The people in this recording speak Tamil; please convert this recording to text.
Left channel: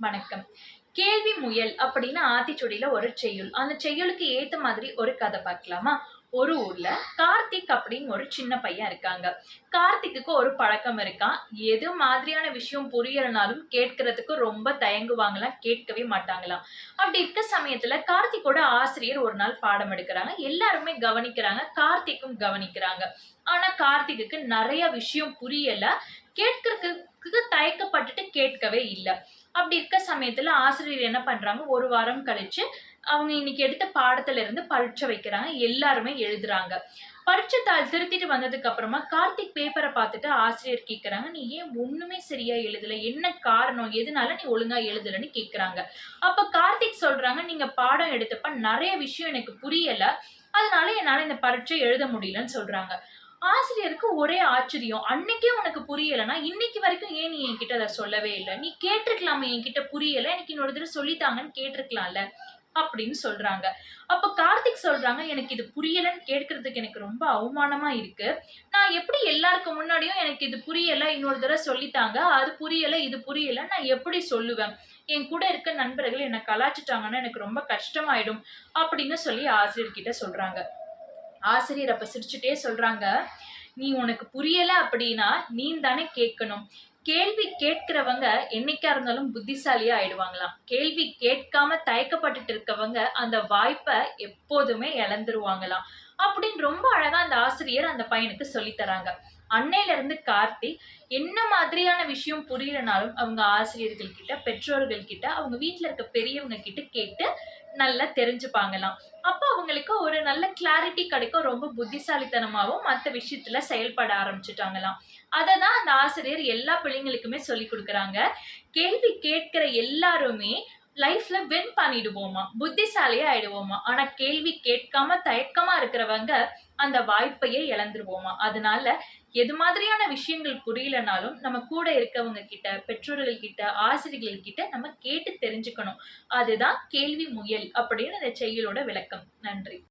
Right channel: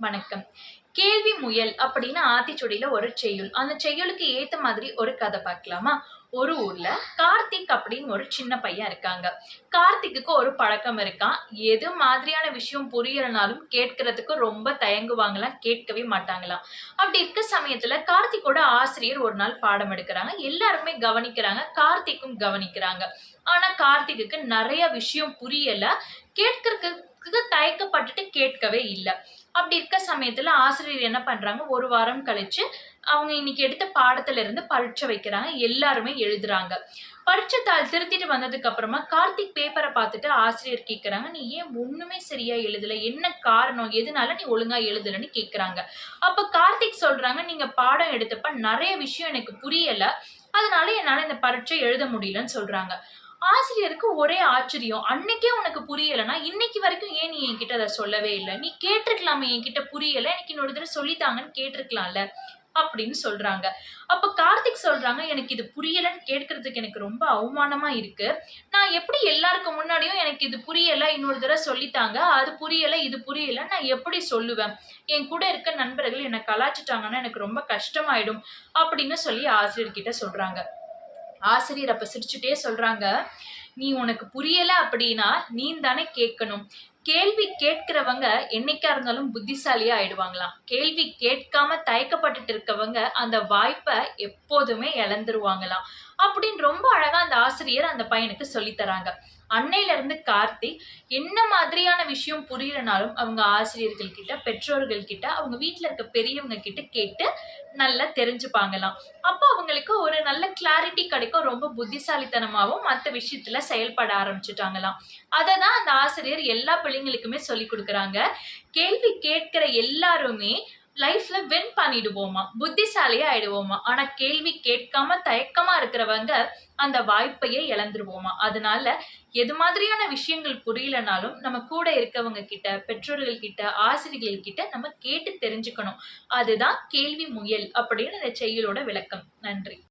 வணக்கம். கேள்வி முயல் அப்படின்னு ஆத்திச்சூடியில ஒரு செய்யுள். அந்த செய்யுளுக்கு ஏத்த மாதிரி ஒரு கதை பார்க்கலாமா? ஒரு ஊர்ல கார்த்திக் அப்படின்னு ஒரு சின்ன பையன் இருக்காங்க. கார்த்திக்குக்கு ஒரு பழக்கம் இருக்காம். எது மாதிரியான விஷயம் புரியலனாலும் கேட்கறதுக்கு ரொம்ப தயங்குவாங்களாம், கேட்கவே மாட்டாங்களாம். அப்படி இருக்க சமயத்துல கார்த்திக்கோட ஆசிரியர் ஒரு நாள் பாடம் எடுக்குறாங்க. எல்லாருமே கவனிக்கிறாங்க. கார்த்திக்கும் கவனிக்கிறாங்க. ஆனா கார்த்திக்குக்கு நெறைய விஷயம் புரியல. கேட்கறதுக்கு தயக்கப்பட்டுட்டு கேட்கவே இல்ல. அப்படி இருக்க சமயத்துல ஆசிரியர் என்ன பண்றாங்க, 1 வாரம் கழிச்சு அவங்க இன்னைக்கு எடுத்த பாடத்துல இருந்து பரீட்சை வைக்கிறாங்க. எல்லாருமே எழுதுறாங்க. பரீட்சை தாள் திருத்திட்டு வந்ததுக்கு அப்புறமா கார்த்திக் பேப்பர பார்த்துட்டு ஆசிரியர் கேட்கறாங்க, "நீ ஏன் ஒண்ணுமே சரியா எழுதல? என்ன காரணம்? எதனால நீ ஒழுங்கா எழுதலன்னு?" கேட்கறாங்க. அப்ப கார்த்திக் சொல்றாங்க, "நீங்க பாடம் எடுத்தப்ப நெறைய விஷயம் எனக்கு புரியல. அதனால என்னால இந்த பரீட்சை எழுத முடியலன்னு" சொல்றாங்க. ஆசிரியருக்கு ஒரே ஆச்சரியம். "அன்னைக்கே உனக்கு புரியலன்னா, இன்னைக்கு வரைக்கும் ஏன் நீ என்கிட்ட அத சொல்லவே இல்ல? நீ கேட்டுருக்கலாமே என்கிட்ட புரியல. எனக்கு இன்னொரு தடவ சொல்லி தாங்கன்னு கேட்டுருக்கலாம்ல." அப்படின்னு சொல்றாங்க. அப்ப கார்த்திக் சொல்றாங்க, "எனக்கு இது புரியலன்னு கேட்கறதுக்கு எனக்கு ரொம்ப அவமானமா இருக்கு. நான் எப்படி எல்லாருக்கு முன்னாடியும் எனக்கு இது புரியல, இன்னொரு தடவ சொல்லி தாங்க. அது புரியல, இது புரியல நான் எப்படி சொல்லுவேன்? என் கூட இருக்க நண்பர்கள் என்ன கலாய்ச்சுட்டாங்கன்னா எனக்கு ரொம்ப கஷ்டமாயிடும்." அப்படின்னு சொல்லி ஆசிரியர்கிட்ட சொல்றாங்க. ஆசிரியர் அப்ப சிரிச்சுட்டே சொல்றாங்க, "நீ உனக்கு புரியல அப்படின்னா, நீ தானே கேட்கணும். கேள்வி கேட்கிறவங்க என்னைக்கா இருந்தாலும் புத்திசாலியா ஆயிடுவாங்களாம். கேள்வி கேட்காம தயக்கப்பட்டுட்டு இருக்கவங்க, அந்த வாய்ப்ப எப்போதுமே இழந்துருவாங்களாம்." அப்படின்னு ரொம்ப அழகா அந்த ஆசிரியர் அந்த பையனுக்கு சொல்லி தராங்க. அன்னையில இருந்து கார்த்திக் என்ன மாதிரியான விஷயம் புரியலனாலும், அவங்க ஆசிரியர்கள் கிட்ட, பெற்றோர்கள் கிட்ட, அவங்க வீட்ல இருக்க பெரியவங்க கிட்ட கேட்டு நல்லா தெரிஞ்சுப்பாங்களாம். அப்ப அவங்களுக்கு ஒரு நல்ல கிளாரிட்டி கிடைக்கும். ரொம்ப புத்திசாலித்தனமாவும் மத்த விஷயத்துல செயல்பட ஆரம்பிச்சுட்டாங்களாம். அததான் அந்த ஆசிரியர் எல்லா பிள்ளைங்களுக்குமே சொல்லிக் குடுக்குறாங்க. கேள்வி கேட்கிற எல்லாருமே லைஃப்ல வின் பண்ணிடுவோமா, புத்திசாலியா ஆயிடுவோமா. ஆனா கேள்வி கேட்காம தயக்கமா இருக்கிறவங்க அந்த வாய்ப்பையே இழந்துருவோமா. அதனால எது மாதிரியான விஷயங்கள் புரியலனாலும் நம்ம கூட இருக்கவங்க கிட்ட, பெற்றோர்கள் கிட்ட, ஆசிரியர்கள் கிட்ட நம்ம கேட்டு தெரிஞ்சுக்கணும். அதுதான் கேள்வி முயல் அப்படின்னு இந்த செய்யுளோட விளக்கம். நன்றி.